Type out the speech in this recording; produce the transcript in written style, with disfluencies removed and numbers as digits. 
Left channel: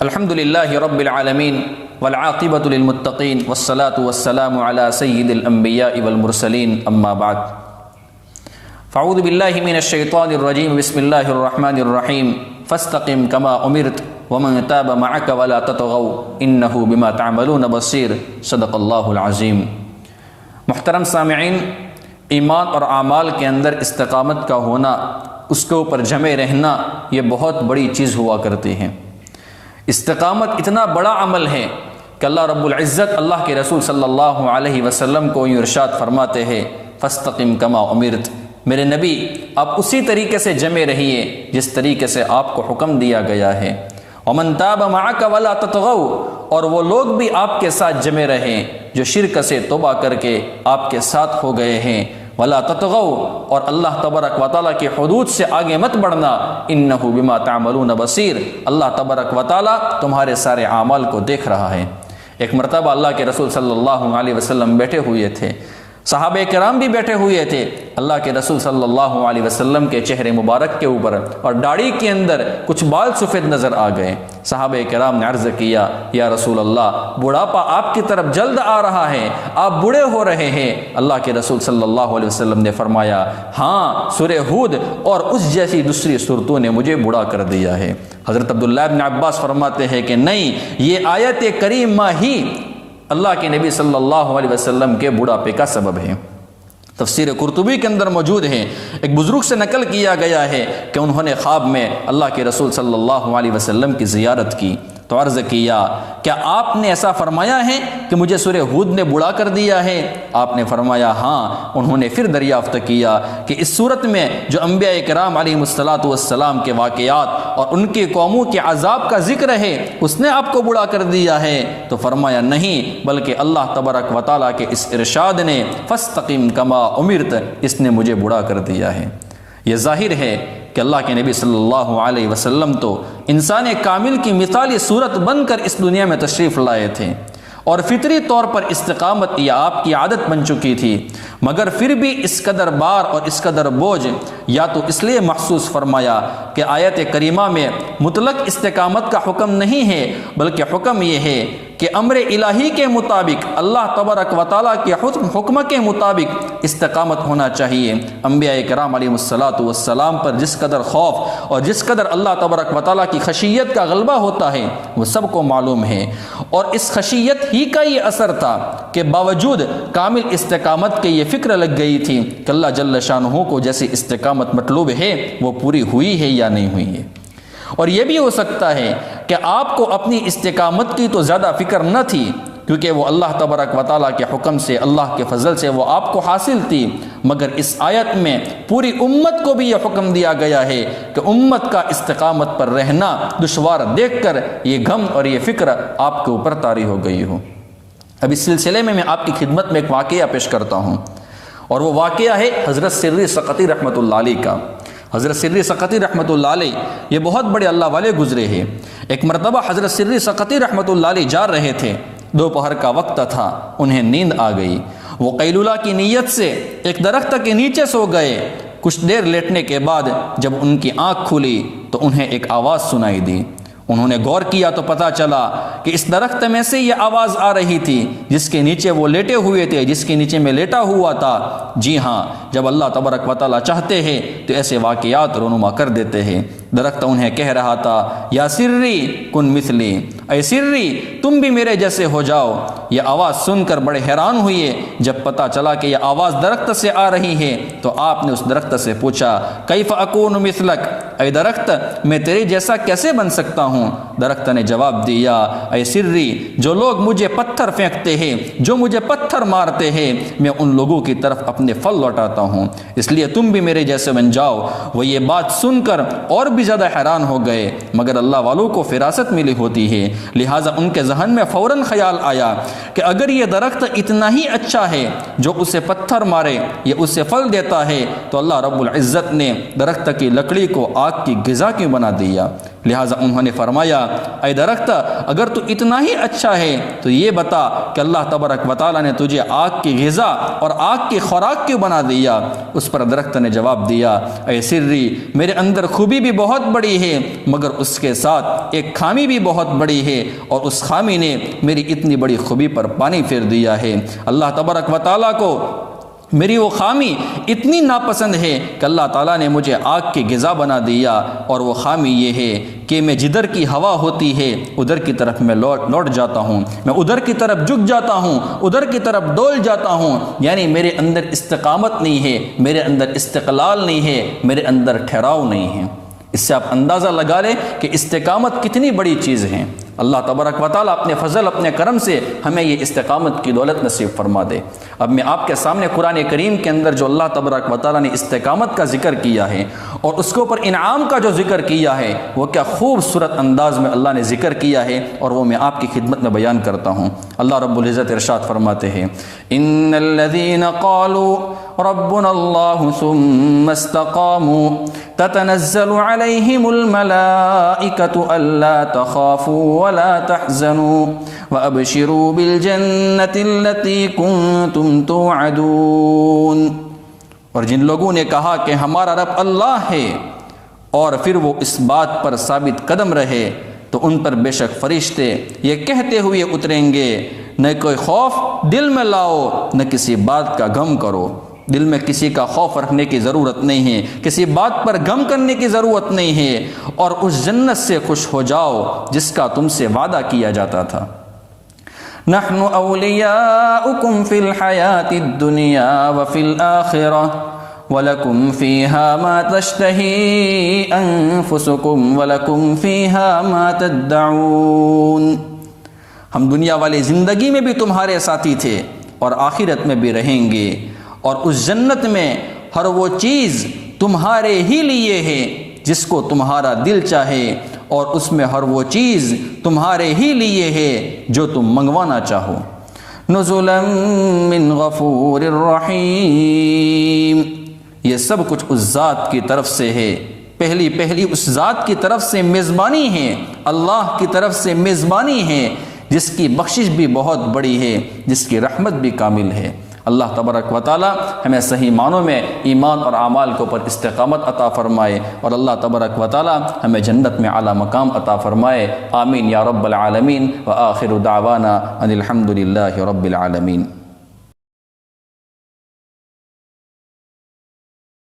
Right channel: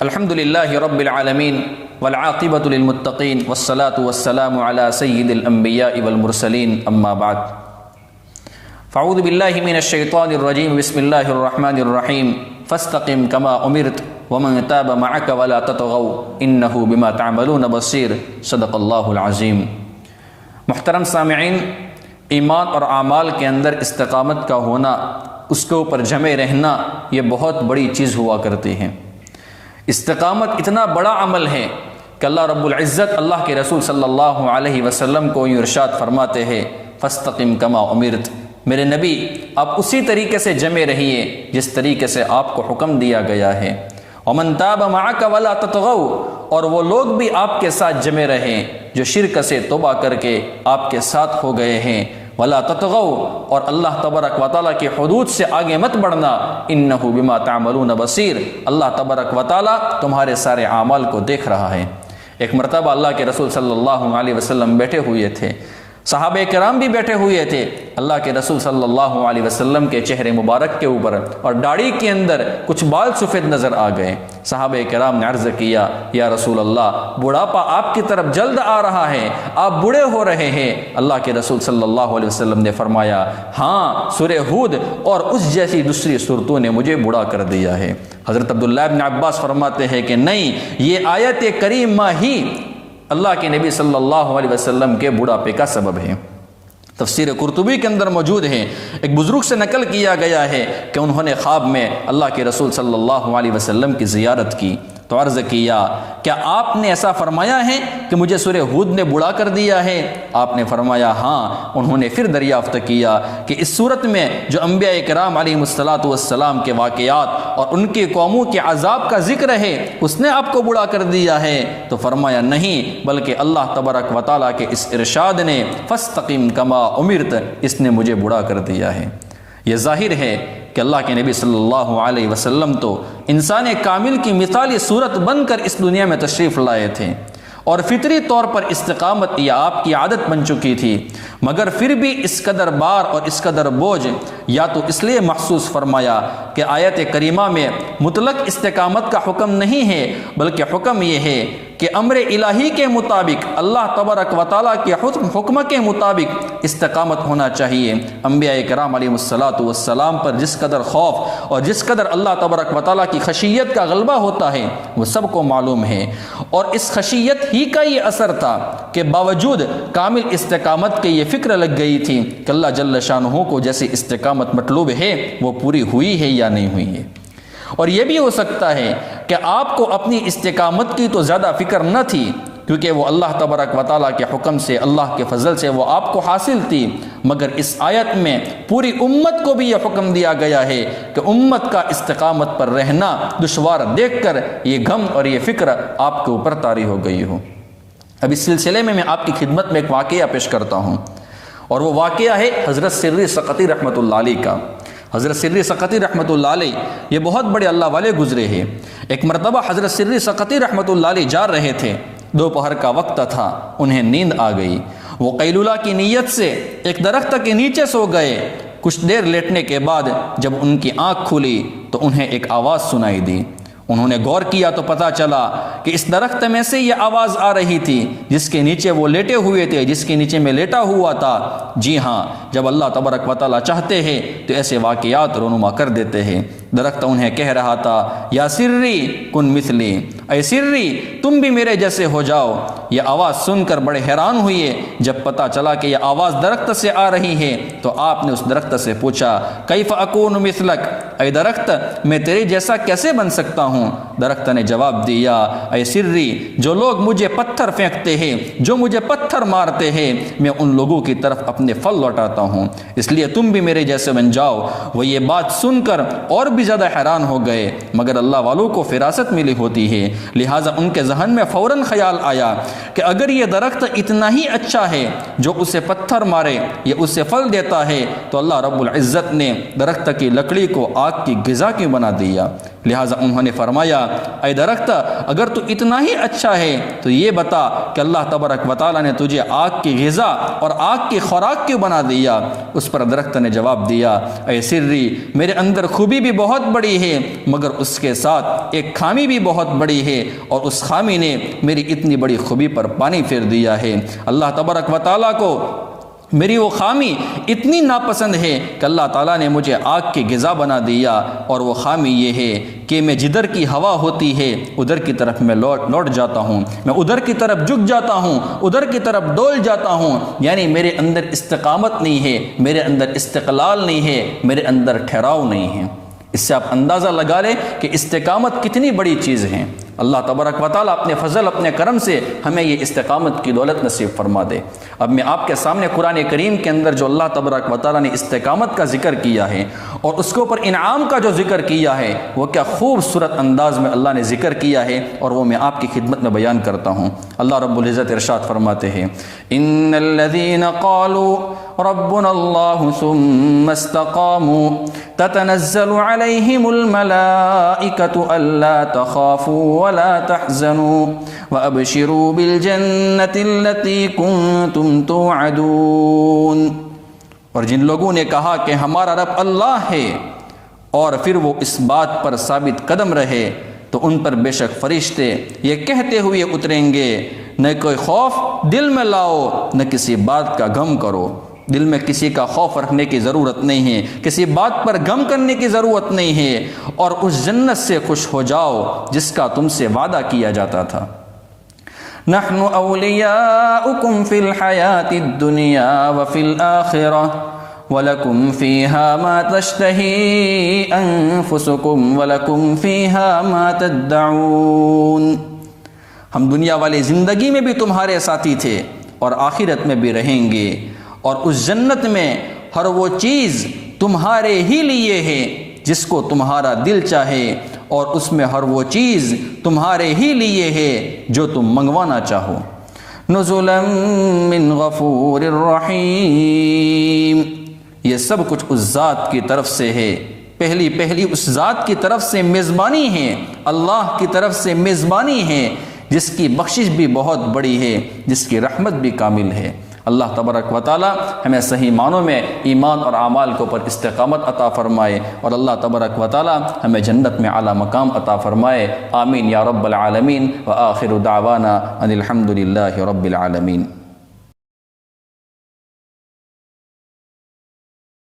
الحمد للہ رب العالمین والعاقبۃ للمتقین والصلاة والسلام علی سید الانبیاء والمرسلین اما بعد فاعوذ باللہ من الشیطان الرجیم بسم اللہ الرحمن الرحیم فاستقم کما امرت ومن تاب معک ولا تطغوا انہ بما تعملون بصیر صدق اللہ العظیم۔ محترم سامعین، ایمان اور اعمال کے اندر استقامت کا ہونا، اس کے اوپر جمے رہنا، یہ بہت بڑی چیز ہوا کرتے ہیں۔ استقامت اتنا بڑا عمل ہے کہ اللہ رب العزت اللہ کے رسول صلی اللہ علیہ وسلم کو یہ ارشاد فرماتے ہیں فاستقم کما امرت، میرے نبی آپ اسی طریقے سے جمے رہیے جس طریقے سے آپ کو حکم دیا گیا ہے۔ ومن تاب معک ولا تطغوا، اور وہ لوگ بھی آپ کے ساتھ جمے رہیں جو شرک سے توبہ کر کے آپ کے ساتھ ہو گئے ہیں۔ ولا تطغوا، اور اللہ تبارک و تعالیٰ کے حدود سے آگے مت بڑھنا۔ انہ بما تعملون بصیر، اللہ تبارک و تعالیٰ تمہارے سارے اعمال کو دیکھ رہا ہے۔ ایک مرتبہ اللہ کے رسول صلی اللہ علیہ وسلم بیٹھے ہوئے تھے، صحابہ کرام بھی بیٹھے ہوئے تھے۔ اللہ کے رسول صلی اللہ علیہ وسلم کے چہرے مبارک کے اوپر اور داڑھی کے اندر کچھ بال سفید نظر آ گئے۔ صحابہ کرام نے عرض کیا، یا رسول اللہ، بڑھاپا آپ کی طرف جلد آ رہا ہے، آپ بوڑھے ہو رہے ہیں۔ اللہ کے رسول صلی اللہ علیہ وسلم نے فرمایا، ہاں، سورہ ہود اور اس جیسی دوسری صورتوں نے مجھے بوڑھا کر دیا ہے۔ حضرت عبداللہ بن عباس فرماتے ہیں کہ نہیں، یہ آیت کریمہ ہی اللہ کے نبی صلی اللہ علیہ وسلم کے بڑھاپے کا سبب ہے۔ تفسیر قرطبی کے اندر موجود ہے، ایک بزرگ سے نقل کیا گیا ہے کہ انہوں نے خواب میں اللہ کے رسول صلی اللہ علیہ وسلم کی زیارت کی تو عرض کیا، کیا آپ نے ایسا فرمایا ہے کہ مجھے سورہ ہود نے بوڑھا کر دیا ہے؟ آپ نے فرمایا ہاں۔ انہوں نے پھر دریافت کیا کہ اس صورت میں جو انبیاء کرام علیہ السلام کے واقعات اور ان کے قوموں کے عذاب کا ذکر ہے، اس نے آپ کو بوڑھا کر دیا ہے؟ تو فرمایا نہیں، بلکہ اللہ تبارک و تعالیٰ کے اس ارشاد نے فاستقم کما امرت، اس نے مجھے بوڑھا کر دیا ہے۔ یہ ظاہر ہے کہ اللہ کے نبی صلی اللہ علیہ وسلم تو انسان کامل کی مثالی صورت بن کر اس دنیا میں تشریف لائے تھے، اور فطری طور پر استقامت یہ آپ کی عادت بن چکی تھی، مگر پھر بھی اس قدر بار اور اس قدر بوجھ یا تو اس لیے محسوس فرمایا کہ آیت کریمہ میں مطلق استقامت کا حکم نہیں ہے، بلکہ حکم یہ ہے کہ امر الہی کے مطابق، اللہ تبارک و تعالیٰ کے حکم کے مطابق استقامت ہونا چاہیے۔ انبیاء کرام علیہ السلام پر جس قدر خوف اور جس قدر اللہ تبارک و تعالیٰ کی خشیت کا غلبہ ہوتا ہے وہ سب کو معلوم ہے، اور اس خشیت ہی کا یہ اثر تھا کہ باوجود کامل استقامت کے یہ فکر لگ گئی تھی کہ اللہ جل شانہ کو جیسی استقامت مطلوب ہے وہ پوری ہوئی ہے یا نہیں ہوئی ہے۔ اور یہ بھی ہو سکتا ہے کہ آپ کو اپنی استقامت کی تو زیادہ فکر نہ تھی، کیونکہ وہ اللہ تبارک و تعالیٰ کے حکم سے، اللہ کے فضل سے وہ آپ کو حاصل تھی، مگر اس آیت میں پوری امت کو بھی یہ حکم دیا گیا ہے کہ امت کا استقامت پر رہنا دشوار دیکھ کر یہ غم اور یہ فکر آپ کے اوپر طاری ہو گئی ہو۔ اب اس سلسلے میں آپ کی خدمت میں ایک واقعہ پیش کرتا ہوں، اور وہ واقعہ ہے حضرت سری سقطی رحمۃ اللہ علیہ کا۔ حضرت سری سقطی رحمۃ اللہ علیہ یہ بہت بڑے اللہ والے گزرے ہیں۔ ایک مرتبہ حضرت سری سقطی رحمۃ اللہ علیہ جا رہے تھے، دوپہر کا وقت تھا، انہیں نیند آ گئی۔ وہ قیلولہ کی نیت سے ایک درخت کے نیچے سو گئے۔ کچھ دیر لیٹنے کے بعد جب ان کی آنکھ کھلی تو انہیں ایک آواز سنائی دی۔ انہوں نے غور کیا تو پتہ چلا کہ اس درخت میں سے یہ آواز آ رہی تھی جس کے نیچے وہ لیٹے ہوئے تھے، جس کے نیچے میں لیٹا ہوا تھا۔ جی ہاں، جب اللہ تبارک و تعالیٰ چاہتے ہیں تو ایسے واقعات رونما کر دیتے ہیں۔ درخت انہیں کہہ رہا تھا، یا سری کن مثلی، اے سری تم بھی میرے جیسے ہو جاؤ۔ یہ آواز سن کر بڑے حیران ہوئے۔ جب پتہ چلا کہ یہ آواز درخت سے آ رہی ہے تو آپ نے اس درخت سے پوچھا، کیف اکون مثلک، اے درخت میں تیرے جیسا کیسے بن سکتا ہوں؟ درخت نے جواب دیا، اے سری، جو لوگ مجھے پتھر پھینکتے ہیں، جو مجھے پتھر مارتے ہیں، میں ان لوگوں کی طرف اپنے پھل لوٹاتا ہوں، اس لیے تم بھی میرے جیسے بن جاؤ۔ وہ یہ بات سن کر اور بھی زیادہ حیران ہو گئے، مگر اللہ والوں کو فراست ملی ہوتی ہے، لہٰذا ان کے ذہن میں فوراً خیال آیا کہ اگر یہ درخت اتنا ہی اچھا ہے، جو اسے پتھر مارے یہ اسے پھل دیتا ہے، تو اللہ رب العزت نے درخت کی لکڑی کو آگ کی غذا کیوں بنا دیا؟ لہٰذا انہوں نے فرمایا، اے درخت اگر تو اتنا ہی اچھا ہے تو یہ بتا کہ اللہ تبارک و تعالیٰ نے تجھے آگ کی غذا اور آگ کی خوراک کیوں بنا دیا؟ اس پر درخت نے جواب دیا، اے سری، میرے اندر خوبی بھی بہت بہت بڑی ہے، مگر اس کے ساتھ ایک خامی بھی بہت بڑی ہے، اور اس خامی نے میری اتنی بڑی خوبی پر پانی پھیر دیا ہے۔ اللہ تبارک و تعالیٰ کو میری وہ خامی اتنی ناپسند ہے کہ اللہ تعالیٰ نے مجھے آگ کی غذا بنا دیا، اور وہ خامی یہ ہے کہ میں جدھر کی ہوا ہوتی ہے ادھر کی طرف میں لوٹ جاتا ہوں، میں ادھر کی طرف جھک جاتا ہوں، ادھر کی طرف ڈول جاتا ہوں، یعنی میرے اندر استقامت نہیں ہے، میرے اندر استقلال نہیں ہے، میرے اندر ٹھہراؤ نہیں ہے۔ اس سے آپ اندازہ لگا لیں کہ استقامت کتنی بڑی چیز ہے۔ اللہ تبارک و تعالیٰ اپنے فضل اپنے کرم سے ہمیں یہ استقامت کی دولت نصیب فرما دے۔ اب میں آپ کے سامنے قرآن کریم کے اندر جو اللہ تبارک و تعالیٰ نے استقامت کا ذکر کیا ہے اور اس کے اوپر انعام کا جو ذکر کیا ہے، وہ کیا خوبصورت انداز میں اللہ نے ذکر کیا ہے، اور وہ میں آپ کی خدمت میں بیان کرتا ہوں۔ اللہ رب العزت ارشاد فرماتے ہیں، ان الذين قالوا ربنا الله ثم استقاموا تتنزل عليهم الملائكة ألا تخافوا ولا تحزنوا وأبشروا بالجنة التي كنتم توعدون۔ اور جن لوگوں نے کہا کہ ہمارا رب اللہ ہے، اور پھر وہ اس بات پر ثابت قدم رہے، تو ان پر بے شک فرشتے یہ کہتے ہوئے اتریں گے، نہ کوئی خوف دل میں لاؤ، نہ کسی بات کا غم کرو۔ دل میں کسی کا خوف رکھنے کی ضرورت نہیں ہے، کسی بات پر غم کرنے کی ضرورت نہیں ہے، اور اس جنت سے خوش ہو جاؤ جس کا تم سے وعدہ کیا جاتا تھا۔ نحن اولیاؤکم فی الحیاۃ الدنیا وفی الآخرہ وَلَكُمْ فِيهَا مَا تَشْتَهِي أَنفُسُكُمْ وَلَكُمْ فِيهَا مَا تَدَّعُونَ۔ ہم دنیا والی زندگی میں بھی تمہارے ساتھی تھے اور آخرت میں بھی رہیں گے، اور اس جنت میں ہر وہ چیز تمہارے ہی لیے ہے جس کو تمہارا دل چاہے، اور اس میں ہر وہ چیز تمہارے ہی لیے ہے جو تم منگوانا چاہو۔ نزلا من غفور الرحیم، یہ سب کچھ اس ذات کی طرف سے ہے، پہلی اس ذات کی طرف سے میزبانی ہے، اللہ کی طرف سے میزبانی ہے، جس کی بخشش بھی بہت بڑی ہے، جس کی رحمت بھی کامل ہے۔ اللہ تبارک و تعالی ہمیں صحیح معنوں میں ایمان اور اعمال کے اوپر استقامت عطا فرمائے، اور اللہ تبارک و تعالی ہمیں جنت میں اعلیٰ مقام عطا فرمائے۔ آمین یا رب العالمین، وآخر دعوانا ان الحمد للہ رب العالمین۔